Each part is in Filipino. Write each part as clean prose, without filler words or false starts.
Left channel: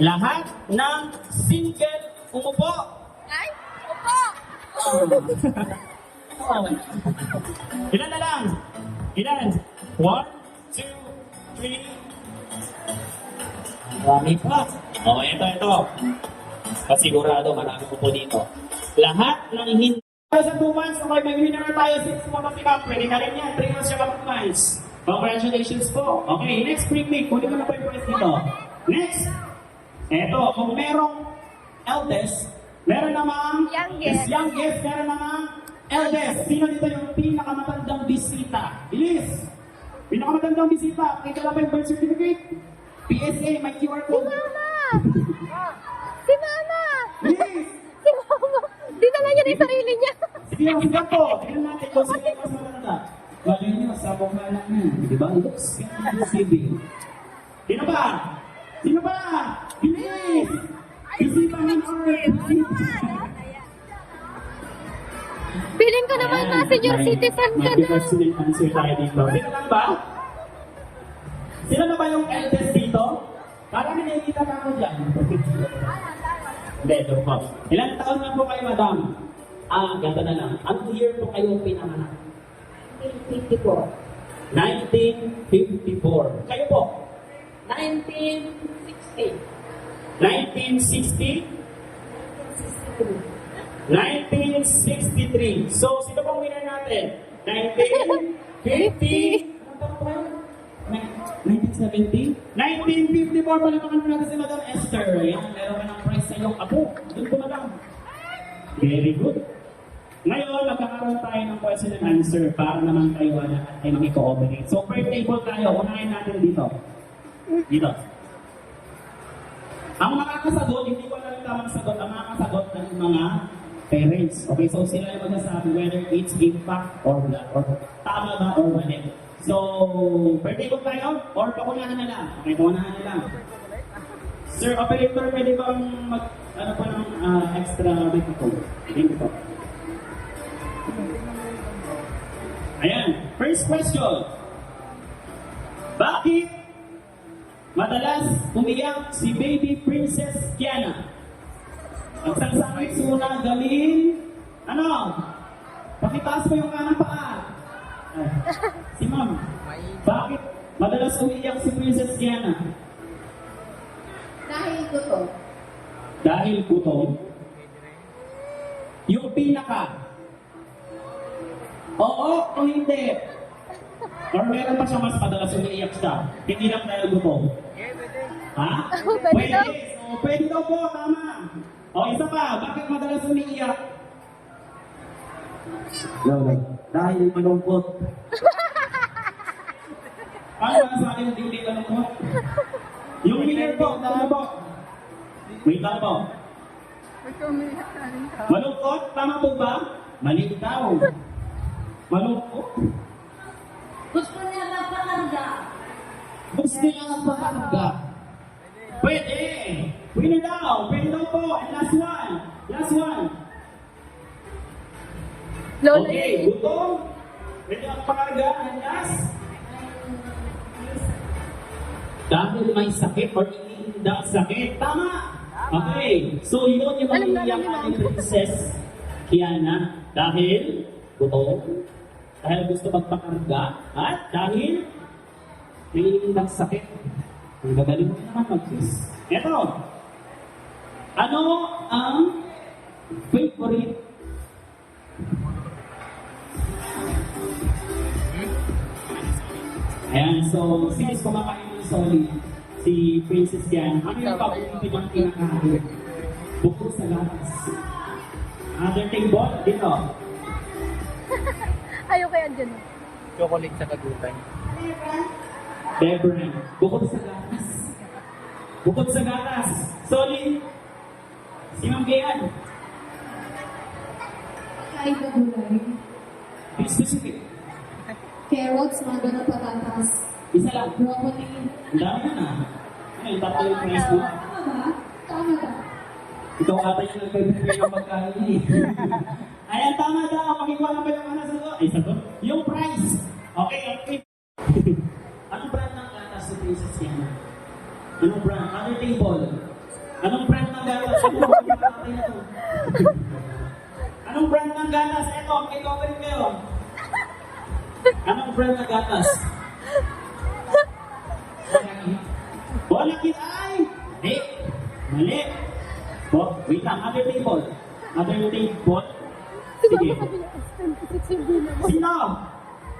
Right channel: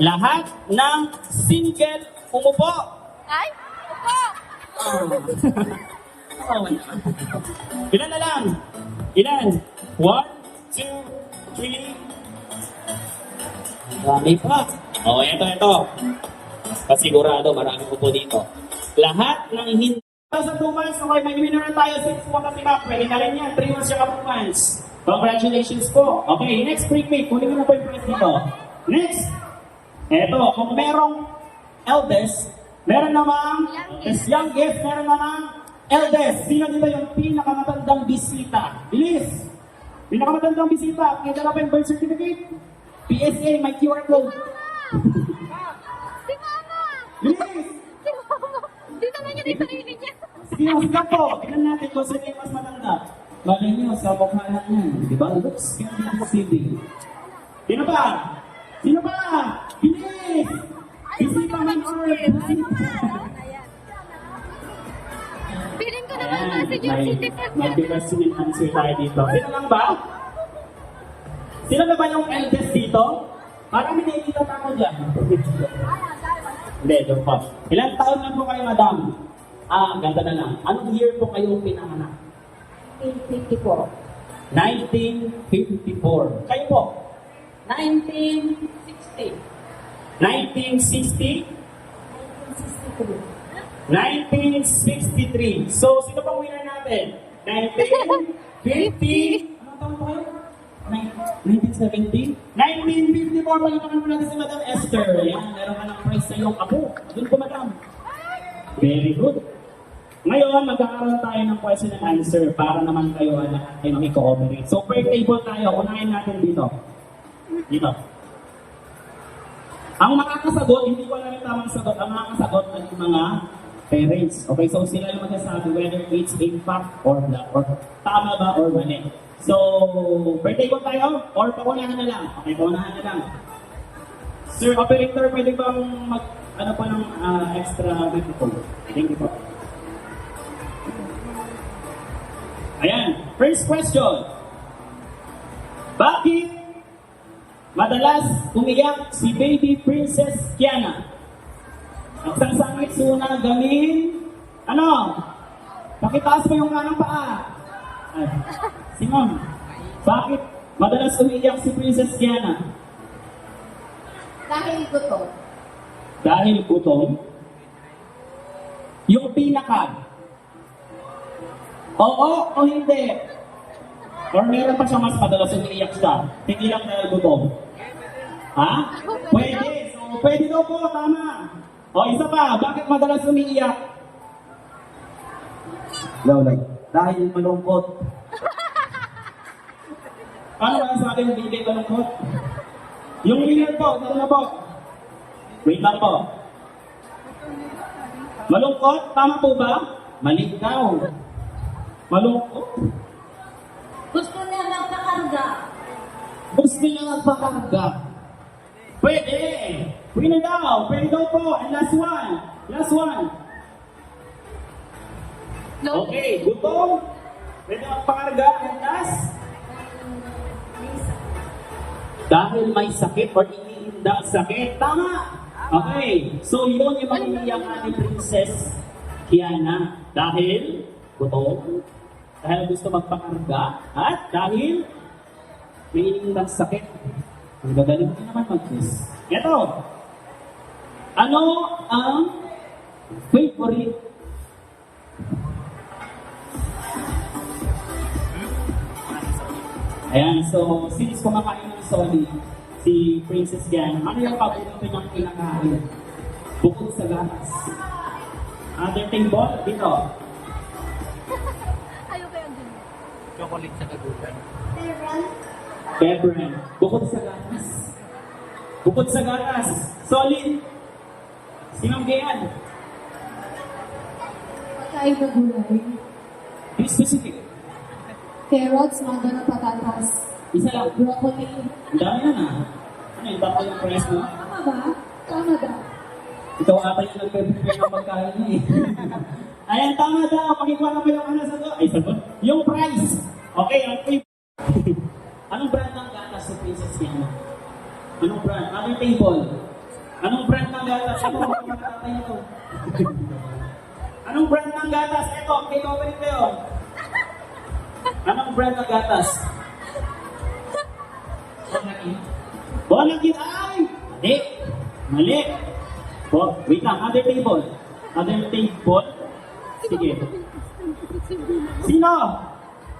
Lahat ng single umupo. Ay, opo! Ilan na lang? Ilan? 1, 2, 3. Marami pa. O, ito. Pasigurado, marami po dito. Lahat ng hindi. Sa 2 months, okay, nag-winner na tayo sa mga pag-iba. Pwede na rin yan, 3 months yung 2 months. Congratulations po. Okay, next break mate. Kunin mo na po yung prize dito. Next. Eto, kung merong eldest, meron namang youngest, meron namang eldest. Sino dito yung pinakamatandang bisita? Bilis! Pinakamatandang bisita. May dala pa yung birth certificate. PSA, may QR code. Si Mama! Bilis! Si Mama! Dinala niya yung sarili niya. Sige, sige po. Tingnan natin kung sino yung mas matanda. Bagay niyo, sa bukhanan niyo. Diba? Looks civil. Sino pa? Sino pa? Bilis! Bisita ng Feeling ko naman na senior citizen ka May na. student answer tayo dito. Sino lang ba? Sino na ba yung eldest dito? Parang may nakikita pa ako dyan. Hindi, joke po. Ilang taon lang po kayo, madam? Ganda na lang. Anong year po kayo pinanganak? 1954. 1954. Kayo po? 1960. 1960? 1963. So, sino pang winner natin? 1950? Anong taon po kayo? 1970? 1954 pa lang ang winner si Madam Esther. Yan, meron ka ng prize sa iyong apo. Doon po, madam. Very good. Ngayon, magkakaroon tayo ng question and answer para naman kayo ay makikooperate. So, per table tayo. Unahin natin dito. Dito. Ang makakasagot, hindi ko alam tamang sagot. Ang makakasagot ay yung mga parents. Okay, so sila yung magsasabi whether it's impact or not. Or tama ba or mali. So, per table tayo or pakunahan na lang. Okay, pakunahan na lang. Sir Operator, pwede bang mag, ano pa ng extra difficult? Thank you po. Ayan, first question. Bakit madalas umiyak si baby Princess Kiana? Nagsasakit suna galing, ano? Pakitaas mo yung kanang paa. Simon, bakit madalas umiyak si Princess Kiana? Dahil gutom. Dahil gutom? Yung pinaka? Oo o hindi? Or meron pa siya mas madalas umiiyak siya? Hindi lang dahil gutom? Ha? Pwede. So, pwede daw po, tama. O, isa pa, bakit madalas umiiyak? Wala. Dahil malungkot. Ano ba sabi ng hindi malungkot? Yung winner po, tama po. Wait lang po. Malungkot? Tama po ba? Mali daw. Malungkot? Gusto niya magpakarga. Gusto niya magpakarga. Pwede. Winner daw. Pwede daw po. And last one. Last one. Okay. Gutom. Pwede magpakarga. And last. Dahil may sakit or iniinda ang sakit. Tama. Okay. So yun yung mangyayang ating Princess Kiana. Dahil gutom. Dahil gusto magpakarga. At dahil may iniindang sakit. Ang gagaling mo naman mag-quiz. Ito. Ano ang favorite? Ayan, so since kumakain ng solid si Princess Diana, ano yung paborito niyang kinakain? Bukod sa gatas. Other table, dito. Ayoko yan dyan. Chocolate sa kagutan. Debra, bukod sa gatas. Bukod sa gatas. Solid. Sinong gayan? Kain na gulay. Be specific. Carrots, manda ng patatas. Isa lang. Broccoli. Ang dami na na. Ano, iba pa yung price mo? Tama ba? Tama ba? Ikaw ata yung nagpapipigay yung magkain niya eh. Ayan, tama daw. Pakikuha na ba yung ano sagot? Ay, sagot. Yung price. Okay, okay. Anong brand ng gatas sa Princess Diana? Yung brand. Anong table? Anong brand ng gatas? Ano ba yung kakatay niya to? Anong brand ng gatas? Ito, take over ito yun. Anong brand ng gatas? Bonakit ay! Hindi. Mali. Oh, wait lang. Other table. Other table. Sige. Sino?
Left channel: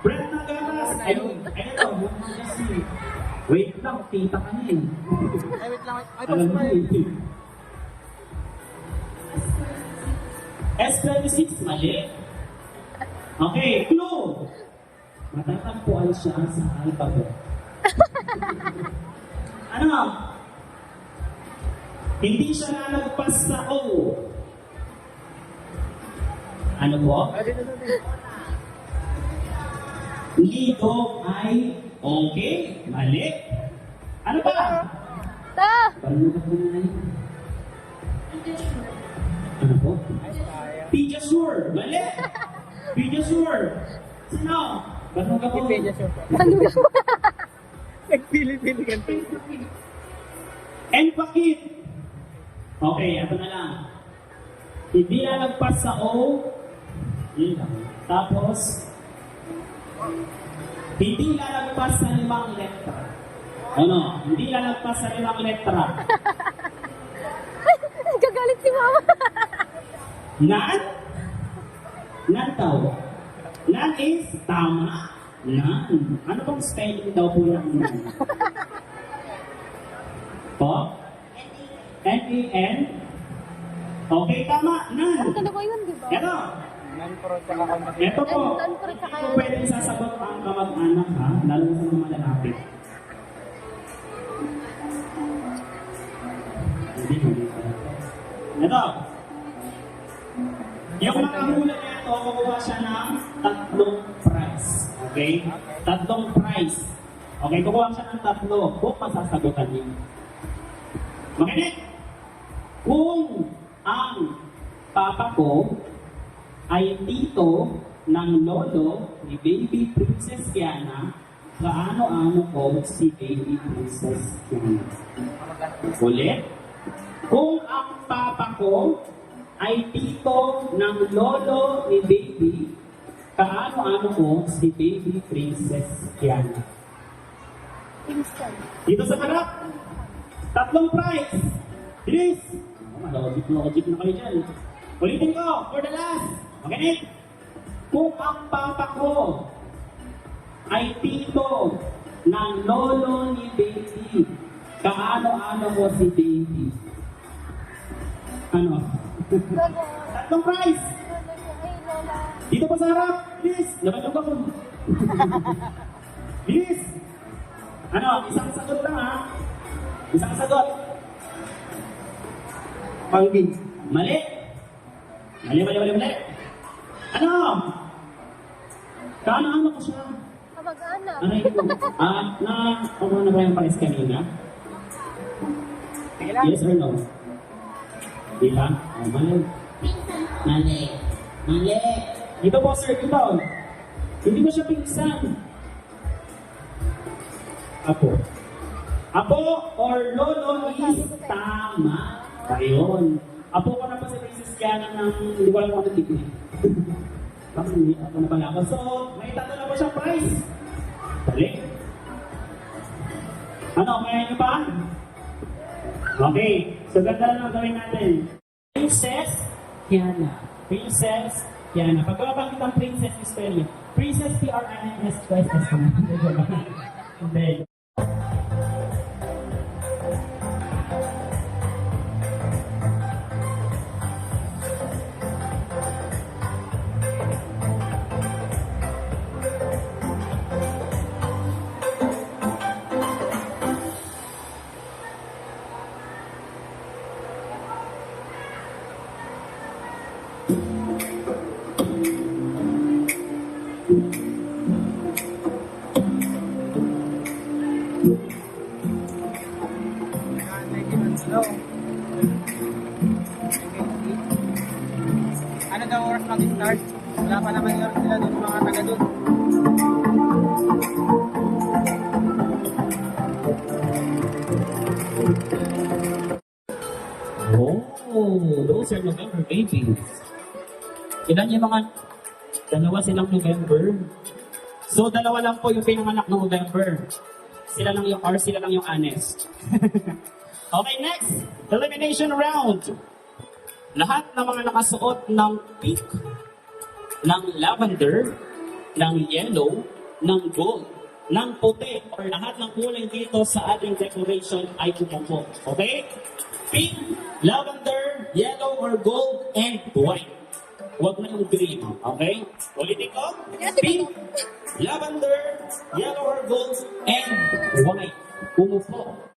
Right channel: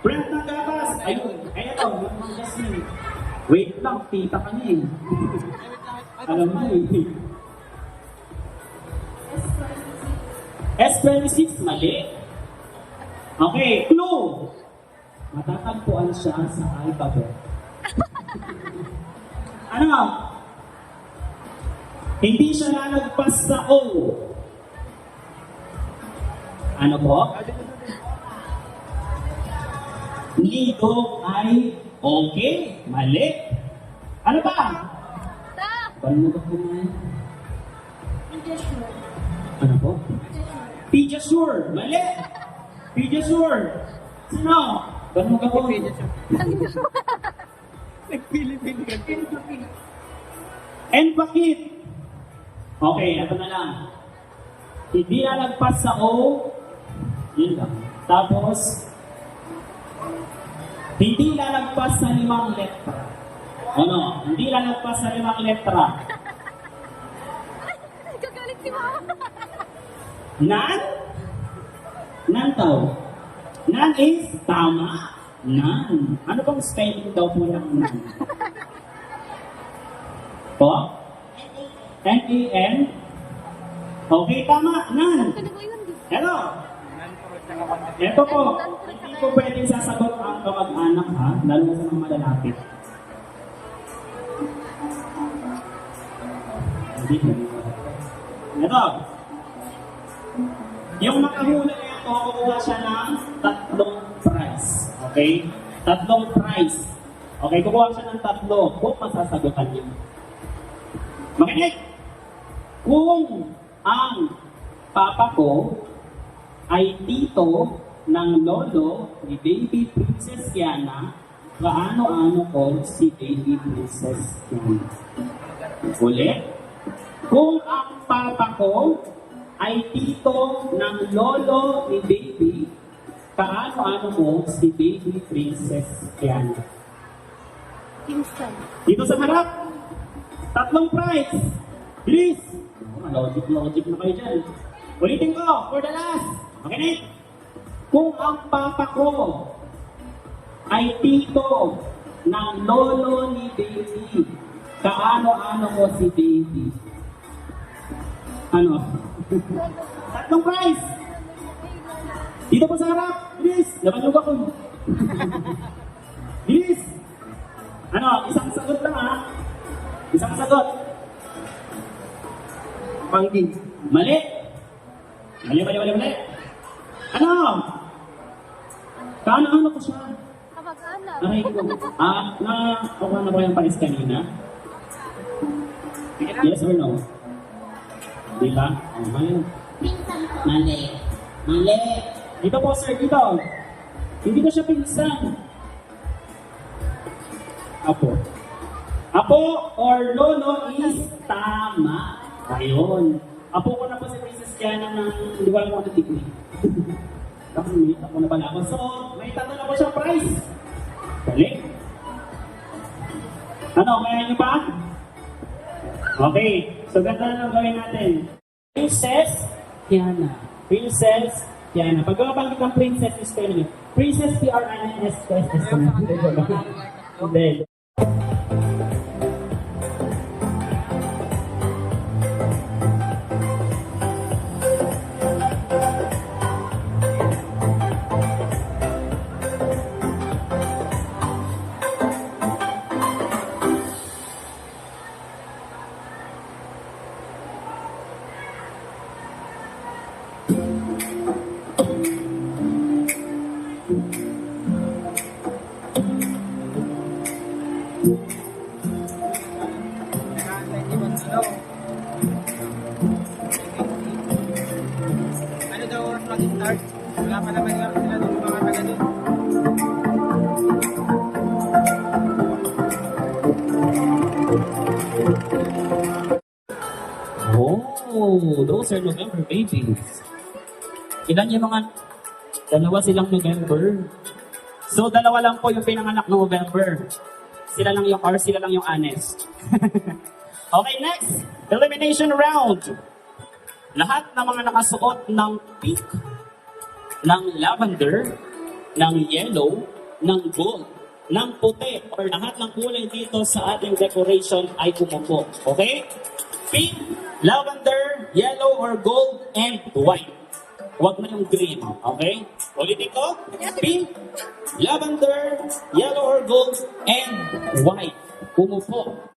Brand ng gatas. Ayun. Ito. Just me. Wait lang. Tita ka na eh. Ay, wait lang. Ay, Alam mo eh. S26, mali. Okay, clue. Matatagpuan siya sa alphabet. Ano? Hindi siya nalagpas sa O. Ano po? Ah, dito. Ligo ay okay, mali. Ano ba? Ta! Paano ba po na yan? Ano po? Pediasure, mali. Pediasure. Sino? Paano ka po? Nagpili-pili ka to. Empakit. Okay, ito na lang. Hindi na nagpas sa O. Yun lang. Tapos, hindi na nagpas sa 5 letra. Ano? Hindi na nagpas sa 5 letra. Gagalit si mama. Nan? Nan daw. Nan is tama. Nan. Ano pong spelling daw po ng nan? Po? N-A-N? Okay, tama. Nan. Ano ba yun, di ba? Ano? Non-pro tsaka contact. Ito po. Nan-pro tsaka Hindi po pwedeng sasagot ang kamag-anak ha. Lalo na sa mga malalapit. Hindi po. Ito. Yung makahula niya ito, kukuha siya ng 3 prize. Okay? 3 prize. Okay, kukuha siya ng 3. Kung masasagutan niyo. Makinig! Kung ang papa ko ay tito ng lolo ni Baby Princess Kiana, kaano-ano ko si Baby Princess Kiana. Ulit. Kung ang papa ko ay tito ng lolo ni Baby, kaano-ano ko si Baby Princess Kiana. Instant. Dito sa harap, 3 prize. Bilis! Logic na kayo dyan. Ulitin ko, for the last. Okay? Kung ang papa ko ay tito ng lolo ni Baby, kaano-ano mo si Baby? Ano? Lolo. 3 prize! Ay, lola. Dito pa sa harap! Bilis! Nabalog ako. Bilis! Ano? Isang sagot lang ha? Isang sagot. Manggi. Mali. Mali. Ano? Kaano-ano ko siya? Kapag-anak. Aray ko. Ano na ba yung pares kanina? Sige lang. Yes or no? Di ba? Oh, mali. Mali. Dito po sir, dito. Hindi ko siya pinsan. Apo or lolo is tama. Ayun. Apo ko na po si Princess Kiana ng hindi ko alam kung ano tignan. Ako na pala ako. So, may 3 na po siya prize. Okay. Ano, kaya niyo pa? Okay. So, ganda na lang gawin natin. Princess Kiana. Princess Kiana. Pag mabanggit ang princess, spell niyo. Princess P-R-I-N-S-S. Hindi. Ano daw oras mag-start? Wala pa naman nga sila doon mga taga doon. those are November babies. Ilan yung mga, dalawa silang November. So, dalawa lang po yung pinanganak ng November. Sila lang yung honest. Okay, next. Elimination round. Lahat ng mga nakasuot ng pink, ng lavender, ng yellow, ng gold, ng puti, or lahat ng kulay dito sa ating decoration ay umupo. Okay? Pink, lavender, yellow, or gold, and white. Huwag na yung green. Okay? Ulitin ko. Pink, lavender, yellow, or gold, and white. Umupo.